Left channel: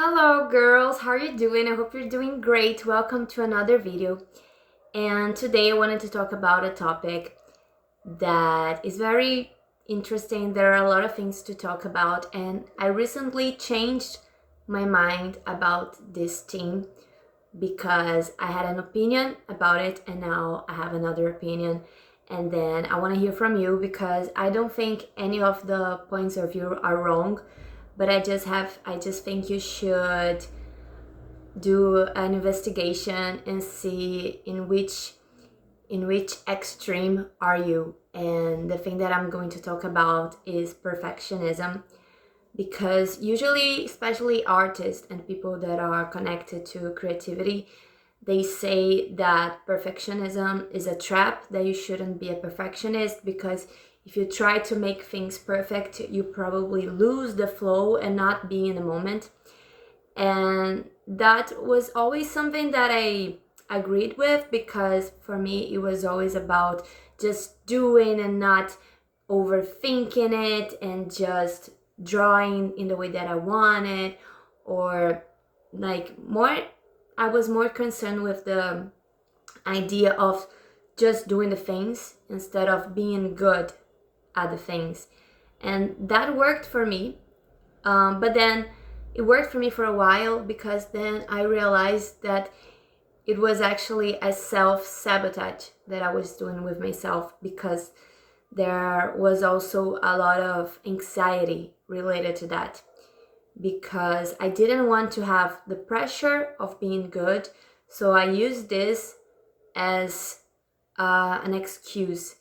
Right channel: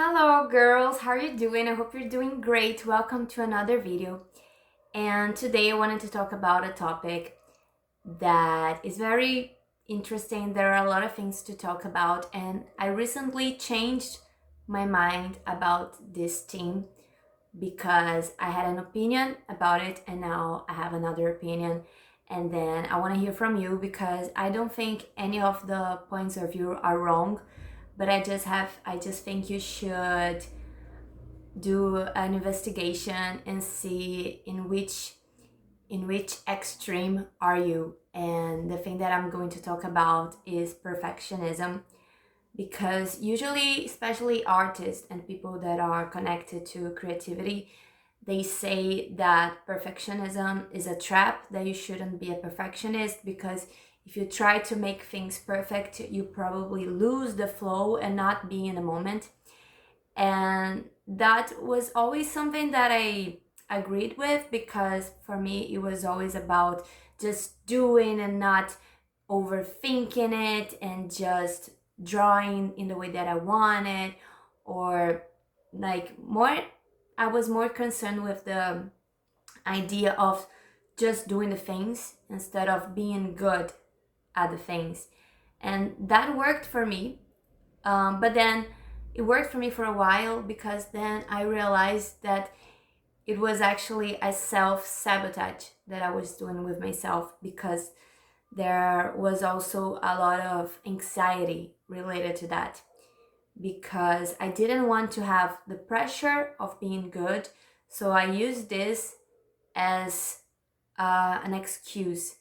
Hello girls, how are you doing? I hope you're doing great. Welcome to another video. And today I wanted to talk about a topic that is very interesting. There are a lot of things to talk about, and I recently changed my mind about this theme because I had an opinion about it and now I have another opinion. And then I want to hear from you because I don't think any of the points of view are wrong, but I just think you should do an investigation and see in which extreme are you. And the thing that I'm going to talk about is perfectionism, because usually, especially artists and people that are connected to creativity, they say that perfectionism is a trap, that you shouldn't be a perfectionist because if you try to make things perfect, you probably lose the flow and not be in the moment. And that was always something that I agreed with, because for me it was always about just doing and not overthinking it and just drawing in the way that I wanted, or like more, I was more concerned with the idea of just doing the things instead of being good at the things. And that worked for me. But then it worked for me for a while, because then I realized that it was actually a self-sabotage that I was doing with myself, because there was also a lot of anxiety related to that, because I didn't want to have the pressure of being good. So I used this as an excuse.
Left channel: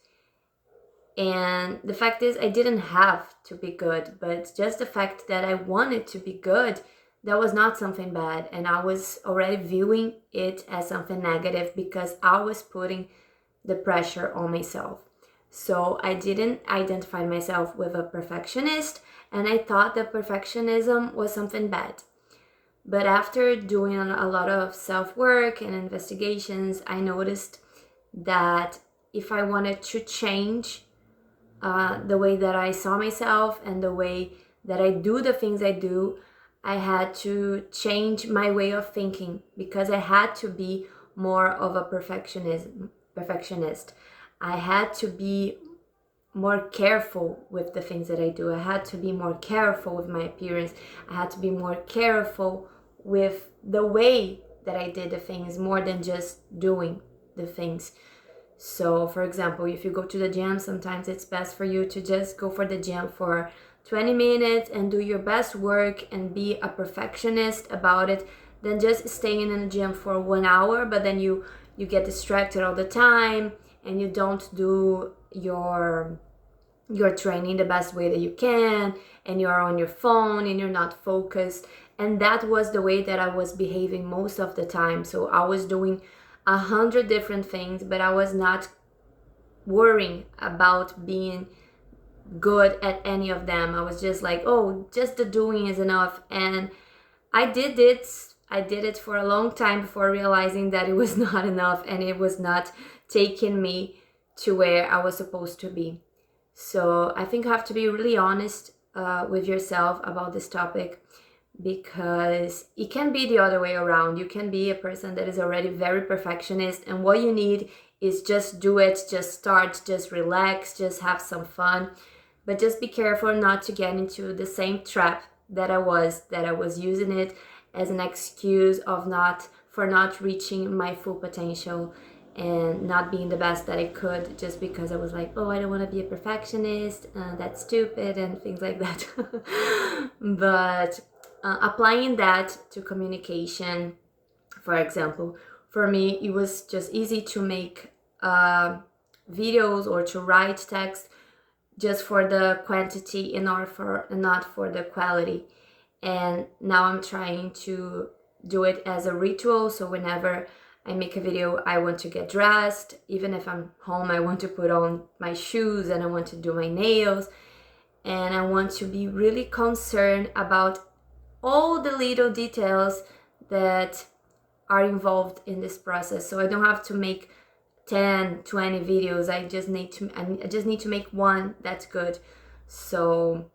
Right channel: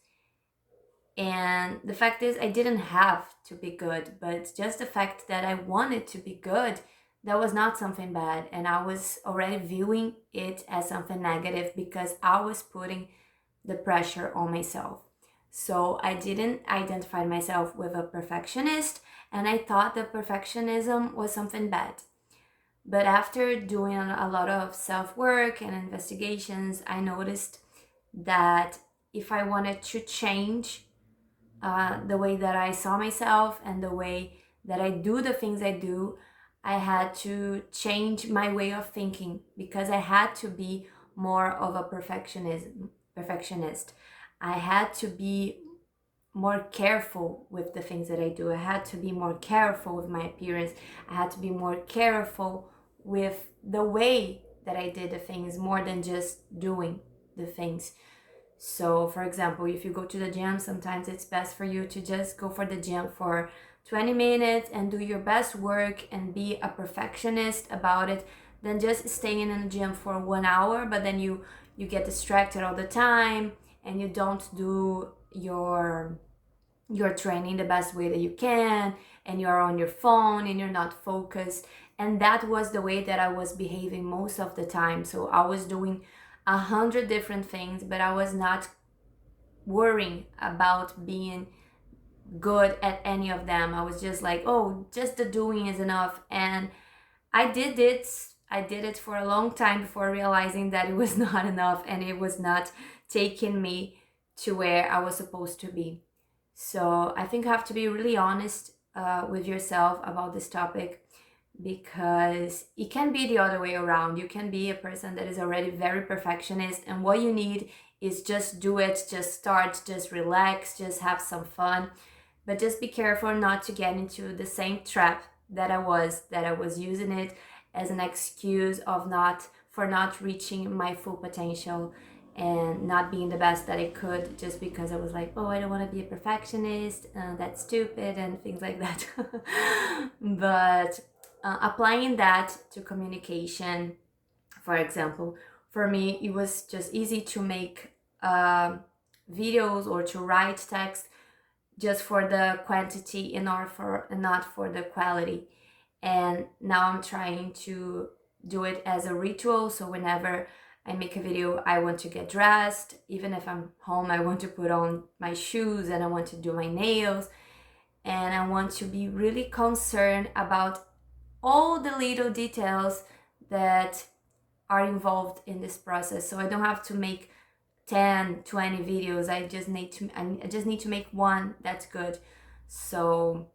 And the fact is, I didn't have to be good, but just the fact that I wanted to be good, that was not something bad. And I was already viewing it as something negative because I was putting the pressure on myself. So I didn't identify myself with a perfectionist, and I thought that perfectionism was something bad. But after doing a lot of self work and investigations, I noticed that if I wanted to change the way that I saw myself and the way that I do the things I do, I had to change my way of thinking, because I had to be more of a perfectionist. I had to be more careful with the things that I do. I had to be more careful with my appearance. I had to be more careful with the way that I did the things, more than just doing the things. So, for example, if you go to the gym, sometimes it's best for you to just go for the gym for 20 minutes and do your best work and be a perfectionist about it, than just staying in the gym for 1 hour, but then you get distracted all the time and you don't do your training the best way that you can, and you're on your phone and you're not focused. And that was the way that I was behaving most of the time. So I was doing 100 different things, but I was not worrying about being good at any of them. I was just like, oh, just the doing is enough. And I did it. I did it for a long time before realizing that it was not enough and it was not taking me to where I was supposed to be. So I think you have to be really honest with yourself about this topic, because it can be the other way around. You can be a person that is already very perfectionist, and what you need is just do it, just start, just relax, just have some fun. But just be careful not to get into the same trap that I was using it as an excuse of not reaching my full potential and not being the best that I could, just because I was like, oh, I don't want to be a perfectionist, that's stupid, and things like that. But applying that to communication, for example, for me, it was just easy to make videos or to write text just for the quantity and not for the quality. And now I'm trying to do it as a ritual. So whenever I make a video, I want to get dressed. Even if I'm home, I want to put on my shoes and I want to do my nails. And I want to be really concerned about all the little details that are involved in this process. So I don't have to make 10, 20 videos. I just need to make one that's good. So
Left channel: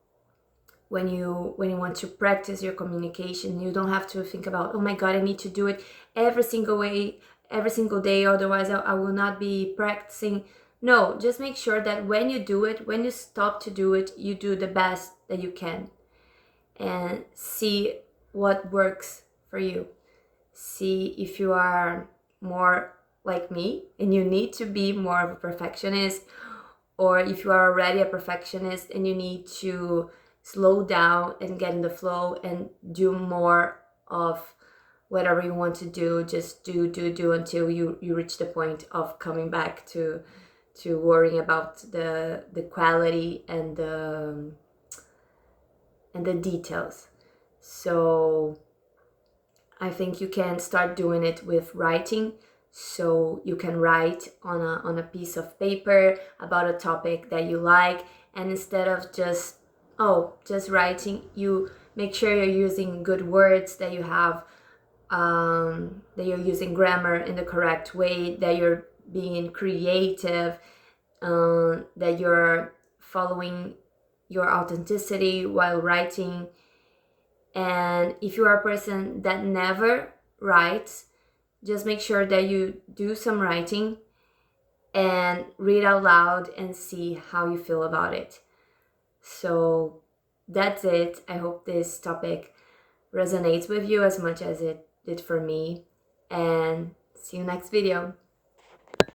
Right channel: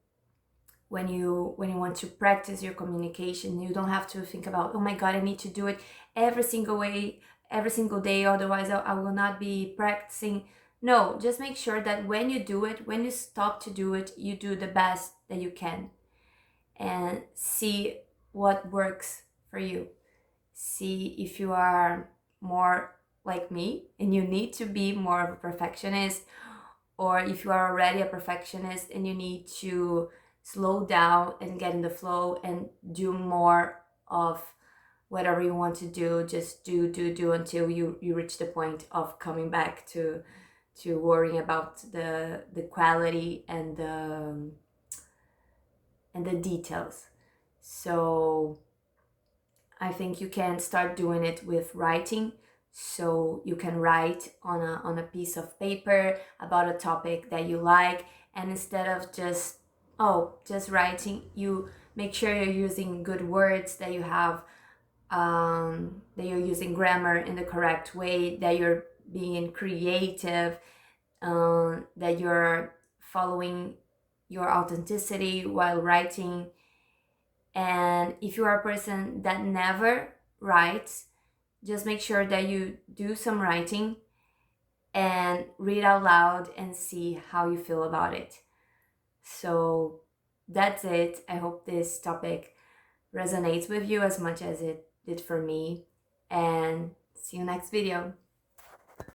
when you want to practice your communication. You don't have to think about, oh my god, I need to do it every single day, otherwise I will not be practicing. No, just make sure that when you do it, when you stop to do it, you do the best that you can, and see what works for you. See if you are more like me and you need to be more of a perfectionist, or if you are already a perfectionist and you need to slow down and get in the flow and do more of whatever you want to do. Just do until you reach the point of coming back to worrying about the quality and the details. So I think you can start doing it with writing. So you can write on a piece of paper about a topic that you like, and instead of just writing, you make sure you're using good words, that you have that you're using grammar in the correct way, that you're being creative, that you're following your authenticity while writing. And if you are a person that never writes, just make sure that you do some writing and read out loud and see how you feel about it. So that's it. I hope this topic resonates with you as much as it did for me. And see you next video.